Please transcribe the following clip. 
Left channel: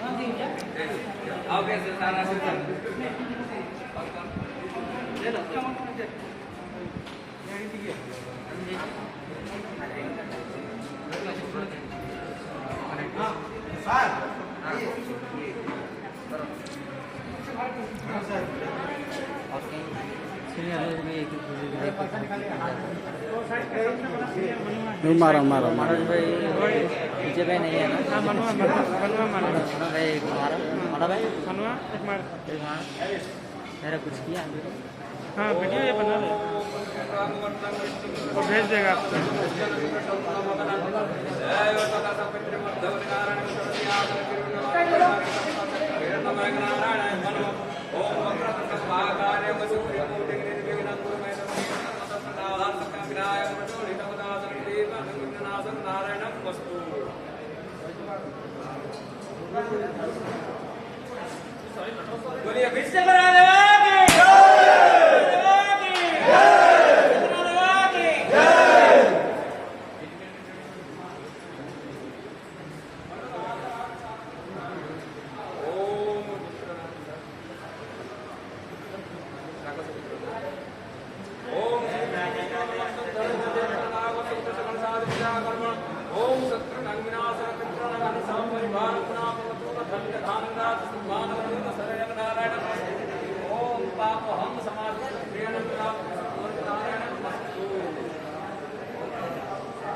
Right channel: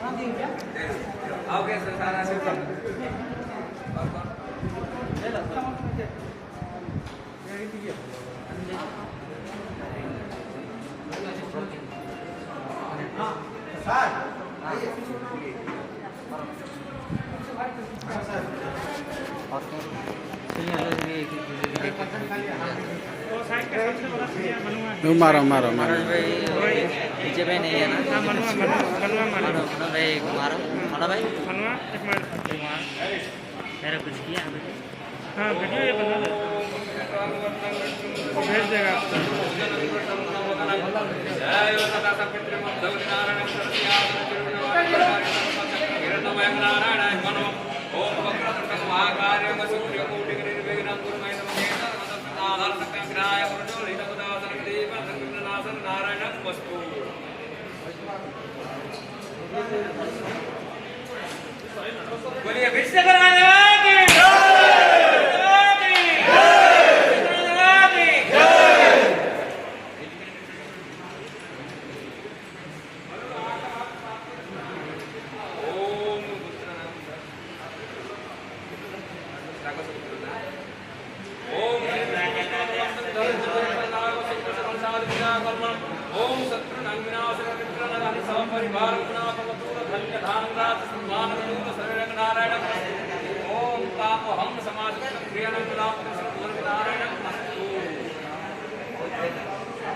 Okay sir सारा मारो मारो मारो पीछे भाई नहीं है ना? हाँ मनुआ मनुआ मारो भाई मारो मारो भाई मनुआ एक मार मेरा कुछ किया हाँ वीडियो ये बना दो वो भेज देगा आपको ओम वक्रतुंडं महाकार्यं सूर्यकोटिं निर्विघ्नं कुरु मे नमः नारायणं वस्तु बोलिए विष्णु ओम शत्रुनां विनाशनं मित्रनानि सपरिवारं पुनापवतु धन्य धानराज सम्मानवतु सर्वं नारायणं ओम तामहं समाजं प्रियनं पुनापवतु